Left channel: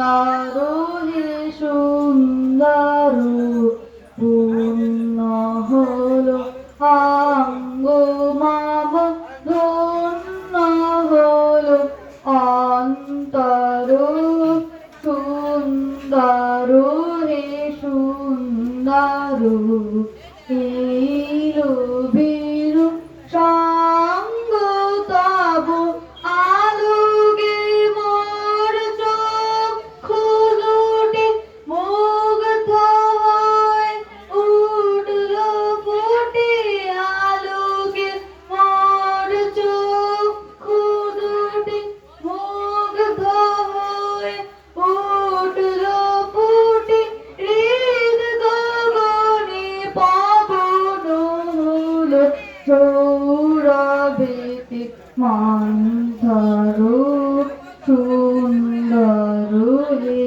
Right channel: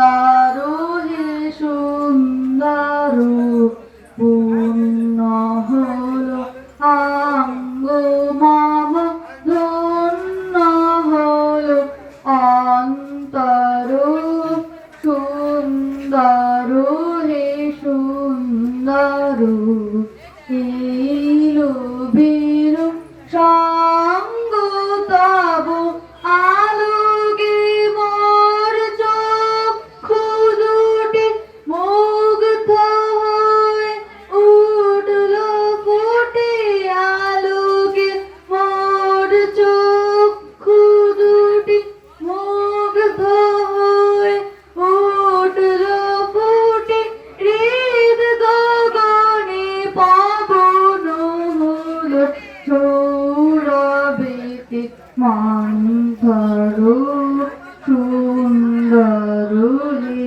হে সুন্দর পূর্ণ হলো অঙ্গ মম ধন্য হলো অন্তর সুন্দর হে সুন্দর এলো বীরু সঙ্গ তব আলোকে মোর চক্ষু দুটি মুগ্ধ হয়ে উঠল ফুটে আলোকে মোর চক্ষু দুটি মুগ্ধ হয়ে উঠল ফুটে হৃদ গগনে পবন হলো সৌরভেতে মন্থর সুন্দর হে